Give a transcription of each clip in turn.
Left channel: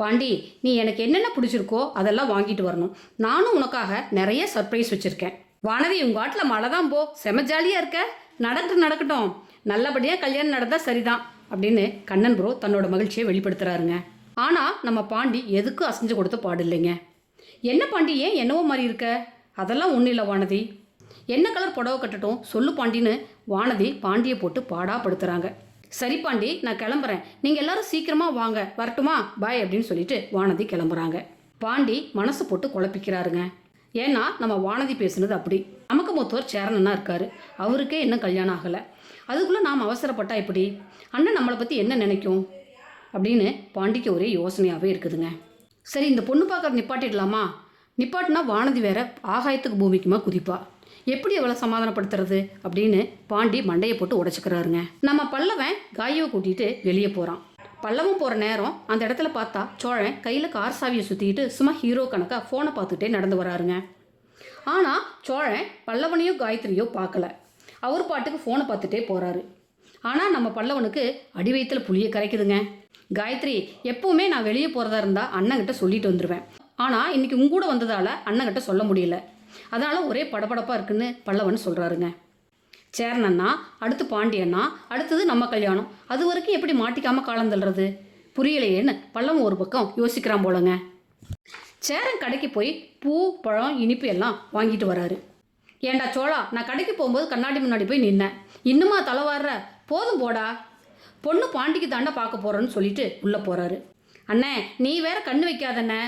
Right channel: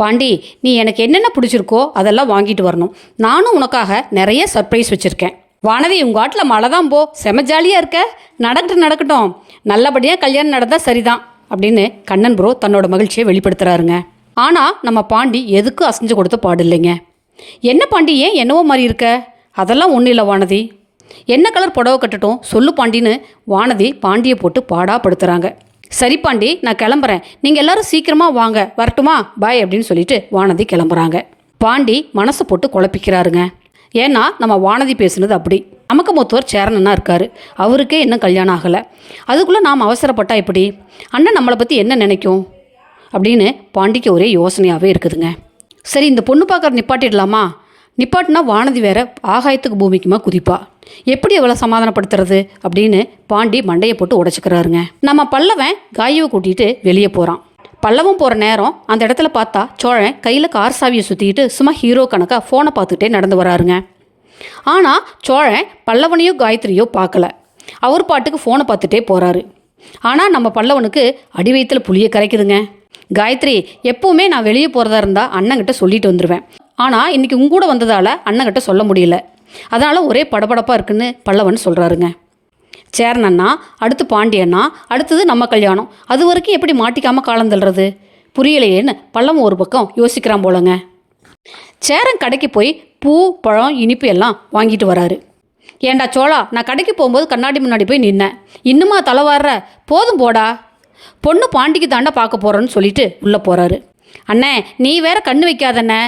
பாண்டி, நீ எனக்கு என்னென்ன பிடிச்சிருக்கோ அதெல்லாம் வாங்கிட்டு வரணும். நானும் உனக்காக நிறைய சர்ப்ரைஸ் வச்சுருக்கேன். வானதி, உங்கள் ஆட்டில் மழை தான் போ, செம ஜாலியாக இருக்க. நடக்கட்டும், நல்லபடியாக கல்யாணம் நடந்தால் சரிதான் அப்படின்னு கண்ணன் ப்ரோ தன்னோட மகிழ்ச்சியை வெளிப்படுத்துகிறாருங்க. ஆனால் நம்ம பாண்டி எதுக்கும் அசைஞ்சு கொடுத்த பாடில்லைங்க. என்ன பாண்டி, ஏன் என்னவோ மாதிரி இருக்க? அதெல்லாம் ஒன்றும் இல்லை வானதி. என்ன கலர் புடவை கட்டட்டும் சொல்லு பாண்டின்னு வானதி பாண்டியை போட்டு பாடாப்படுத்துகிறாங்க. சரி பாண்டி, நான் கிளம்புறேன், நீங்கள் எல்லோரும் சீக்கிரமாக வாங்க, வரட்டுமா, பாய் அப்படின்னு சொல்லிட்டு வானதி கிளம்புறாங்க. பாண்டி மனசை போட்டு குழப்பிக்கிறாருங்க. ஏன்னா நம்ம வானதி பேசுனது அப்படி. நமக்கு மூத்தவர் சேரனன்னா இருக்கார், அவருக்கே இன்னும் கல்யாணம் ஆகலை. அதுக்குள்ளே நாம் அவசரப்பட்டா எப்படி? அண்ணன் நம்மளை பற்றி என்ன நினைக்கும் அப்படின்னு பாண்டிக்கு ஒரே யோசனையாகவே இருக்குதுங்க. சரி, இந்த பொண்ணு பார்க்குற நிப்பாட்டிடலாமா? நிப்பாட்டினா வானதி வேற ஆகாயத்துக்கு பூமிக்குமா குதிப்பா. எப்படி அவளை சமாதானப்படுத்துறது அப்படின்னு பாண்டி மண்டையை போட்டு உடச்சிக்கிறாருங்க. நம்ம பல்லவன் காயுவை கூட்டிகிட்டு வெளியே போகிறான். பல்லவன் போகிற நேரம் அந்த இடத்துல பார்த்தா சோழன் கையில் கார் சாவியை சுற்றிக்கிட்டு சும்மா ஹீரோ கணக்காக ஃபோனை பார்த்துட்டே நடந்து வராருங்க. ஆனால் சோழன் பல்லவனையோ காயத்ரியோ பார்க்கல. அவர் பாட்டுக்கு ஃபோனை பார்த்துட்டே போகிறாரு. ஆனால் நம்ம பல்லவனுக்கு அடி வயிற்றில் புளியை கரைக்குதுங்க. காயத்ரி, எப்போவுமே நான் வெளியே போகிறதா இருந்தால் அண்ணங்கிட்ட சொல்லிட்டு வந்துடுவேன். ஆனால் இன்றைக்கி உங்கூட வந்ததால் அண்ணங்கிட்ட சொல்ல முடியல. அதனால் ஒரே படபடப்பாக இருக்குன்னு பல்லவன் சொல்கிறாருங்க. சேரன் அண்ணா, அடுத்து பாண்டியண்ணா, அடுத்தது நம்ம கல்யாணம். அது வரைக்கும் எப்படி மாட்டிக்காமல் காலம் தள்ளுறது புரியலையேன்னு பல்லவன் ஒரு பக்கம் யோசிக்கிறான் போலங்க. சேரன் கடைக்கு போய் பூ, பழம், இனிப்பு எல்லாம் வாங்கிட்டு வராரு. ஏண்டா சோழா, நான் கடைக்கு போகும்போது கண்ணாடி முன்னாடி போய் நின்னேன், இன்னுமா தலை வாடுற? போதும் போடா, பொண்ணு பாண்டிக்கு தாண்டா பார்க்க போகிறோன்னு சொல்லிட்டு உள்ளே போகிறாரு. அண்ணே, நீ வேற கண்ணு வைக்காதண்ணே,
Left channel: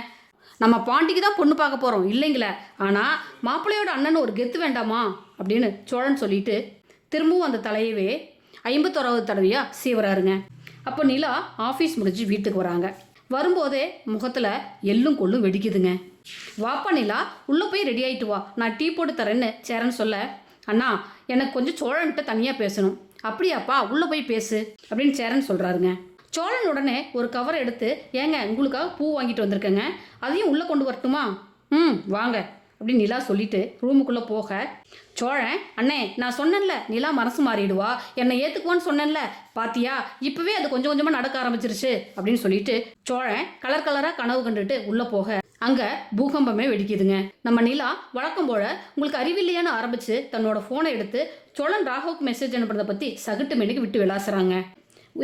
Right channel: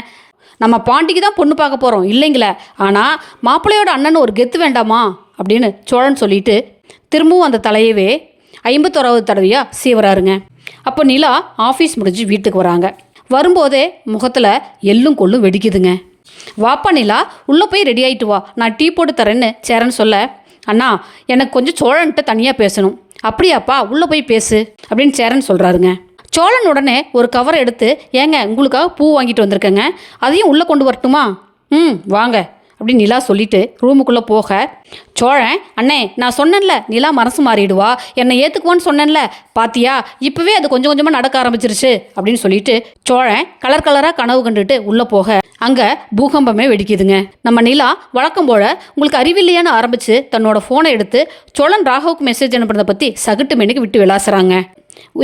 நம்ம பாண்டிக்கு தான் பொண்ணு பார்க்க போகிறோம் இல்லைங்களே, ஆனால் மாப்பிள்ளையோட அண்ணன் ஒரு கெத்து வேண்டாமா அப்படின்னு சோழன் சொல்லிட்டு திரும்பவும் அந்த தலையவே 51வது தடவையாக சீவராருங்க. அப்போ நிலா ஆஃபீஸ் முடிஞ்சு வீட்டுக்கு வராங்க. வரும்போதே முகத்தில் எள்ளும் கொள்ளும் வெடிக்குதுங்க. வாப்பா நிலா, உள்ளே போய் ரெடி ஆகிட்டு வா, நான் டீ போட்டு தரேன்னு சேரன் சொல்ல, அண்ணா எனக்கு கொஞ்சம் சோழன்கிட்ட தனியாக பேசணும். அப்படியாப்பா, உள்ளே போய் பேசு அப்படின்னு சேரன் சொல்கிறாருங்க. சோழன் உடனே ஒரு கவரை எடுத்து, ஏங்க உங்களுக்காக பூ வாங்கிட்டு வந்திருக்கேங்க, அதையும் உள்ளே கொண்டு வரட்டுமா? வாங்க அப்படின்னு நிலா சொல்லிட்டு ரூமுக்குள்ளே போக, சோழன், அண்ணே நான் சொன்னேன்ல நிலா மனசு மாறிடுவா, என்னை ஏற்றுக்குவான்னு சொன்னேன்ல, பாத்தியா இப்போவே அது கொஞ்சம் கொஞ்சமாக நடக்க ஆரம்பிச்சிருச்சு அப்படின்னு சொல்லிட்டு சோழன் கலர் கலராக கனவு கண்டுட்டு உள்ளே போக அங்கே பூகம்பமே வெடிக்குதுங்க. நம்ம நிலா வழக்கம் போல் உங்களுக்கு அறிவில்லையான்னு ஆரம்பித்து தன்னோட ஃபோனை எடுத்து சோழன் ராகவுக்கு மெசேஜ் அனுப்புறதை பற்றி சகட்டு மெனுக்கு விட்டு விளாசுறாங்க.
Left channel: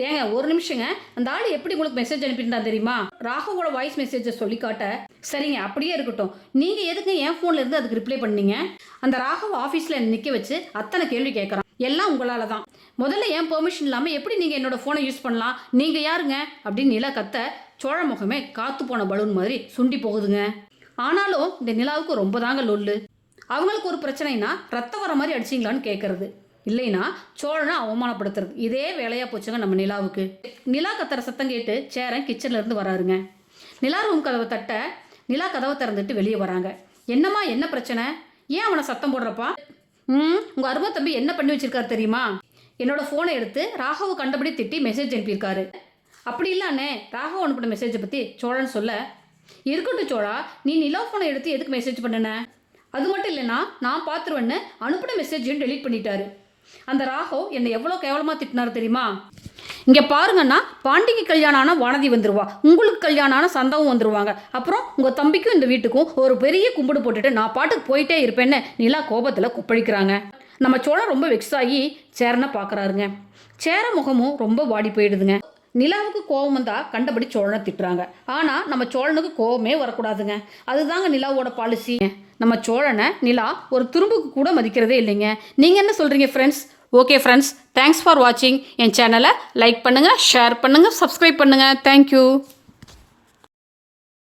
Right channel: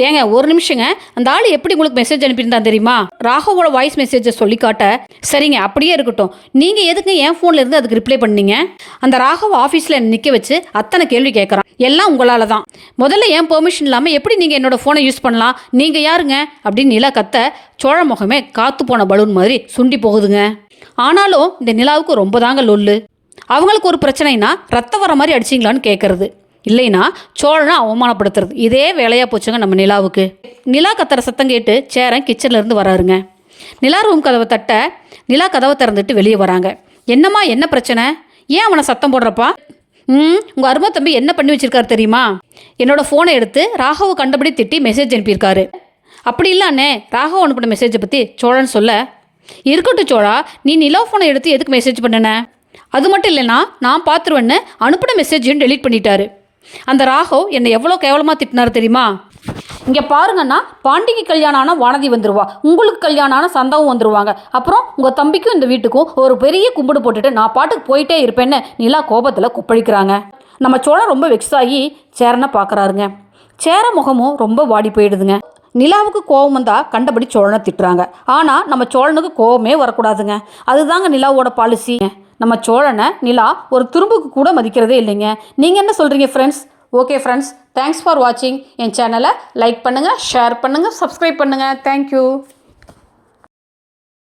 ஏங்க ஒரு நிமிஷங்க, அந்த ஆள் எப்படி உங்களுக்கு மெசேஜ் அனுப்பியிருந்தான் தெரியுமா? ராகவோட வாய்ஸ் மெசேஜை சொல்லி காட்ட, சரிங்க அப்படியே இருக்கட்டும், நீங்கள் எதுக்கு என் ஃபோனில் இருந்து அதுக்கு ரிப்ளை பண்ணீங்க? அந்த ராகவ் ஆஃபீஸில் நிற்க வச்சு அத்தனை கேள்வி கேட்குறான், எல்லாம் உங்களால் தான். முதல்ல என் பெர்மிஷன் இல்லாமல் எப்படி நீங்கள் என்னோடய ஃபோனை யூஸ் பண்ணலாம்? நீங்கள் யாருங்க அப்படின்னு நிலா கத்த, சோழ முகமே காற்று போன பலூன் மாதிரி சுண்டி போகுதுங்க. ஆனாலும் இந்த நிலாவுக்கு ரொம்ப தாங்க லொல்லு. அவங்களுக்கு ஒரு பிரச்சனைனா ரத்தம் வர மாதிரி அடிச்சிங்களான்னு கேட்குறது, இல்லைன்னா சோழனை அவமானப்படுத்துறது, இதே வேலையாக போச்சுங்க நம்ம நிலாவுக்கு. நிலா கத்துற சத்தம் கேட்டு சேரன் கிச்சன்லேருந்து வராருங்க. நிலா ரூம் கதவை தட்ட நிலா கதவை திறந்துட்டு வெளியே வராங்க. என்னம்மா, என்ன பிரச்சனை? ஏன் அவனை சத்தம் போடுறப்பா? உங்கள் அருமை தம்பி என்ன பண்ணி வச்சிருக்காரு தெரியுமா? என்னோட ஃபோனை எடுத்து ராகவை கண்டபடி திட்டி மெசேஜ் அனுப்பியிருக்காரு. அப்படி இல்லாண்ணே, ராகவ் அனுப்பின மெசேஜை பற்றி சோழன் சொல்ல, இருக்கட்டும் சோழா, நீ நிலா ஃபோனை எடுத்து எதுக்கு மெசேஜ் பண்ணன? அது மட்டும் இல்லைன்னா நான் பார்த்துருவேன்னு அனுப்பின மெசேஜையும் டெலீட் பண்ணிட்டாரு. அந்த ராகவ் என்னை எவ்வளோ கேவலமாக திட்டினார் தெரியுமா? இங்கே பாருங்கன்னா, பாண்டிக்கு கல்யாணம் ஆனால் வானதி வந்துடுவா, உங்களுக்கு கல்யாணம் ஆனால் சந்தாவும் வந்துடுவாங்க, அப்புறம் உங்கள் தம்பிக்கும் இந்த வீட்டுக்கும் ஒரு பெரிய கும்பிடு போட்டுட்டு நான் பாட்டுக்கு போயிட்டே இருப்பேன்னு நிலா கோபத்தில் கொப்பளிக்கிறாங்க. நம்ம சோழன் ரொம்ப வெக்ஸ் ஆகி சேரனை பார்க்குறாருங்க. சேர முகமும் ரொம்ப வாடி போயிடுதுங்க. நிலாவுக்கு கோபம் வந்தால் கண்டபடி சோழனை திட்டுறாங்க. ஆனால் நம்ம சோழனுக்கு கோபமே வரக்கூடாதுங்க. அதுதாங்க நிலாவோட பாலிசி. நம்ம சோழனை நிலா ஒரு துரும்புக்கு கூட மதிக்கிறதே இல்லைங்க. நீங்கள் என்ன சொல்கிறீங்க friends? Okay friends, thanks for வாட்சிங். என் சேனலை லைக் பண்ணுங்கள், ஷேர் பண்ணுங்கள், சப்ஸ்கிரைப் பண்ணுங்கள். தேங்க்யூ.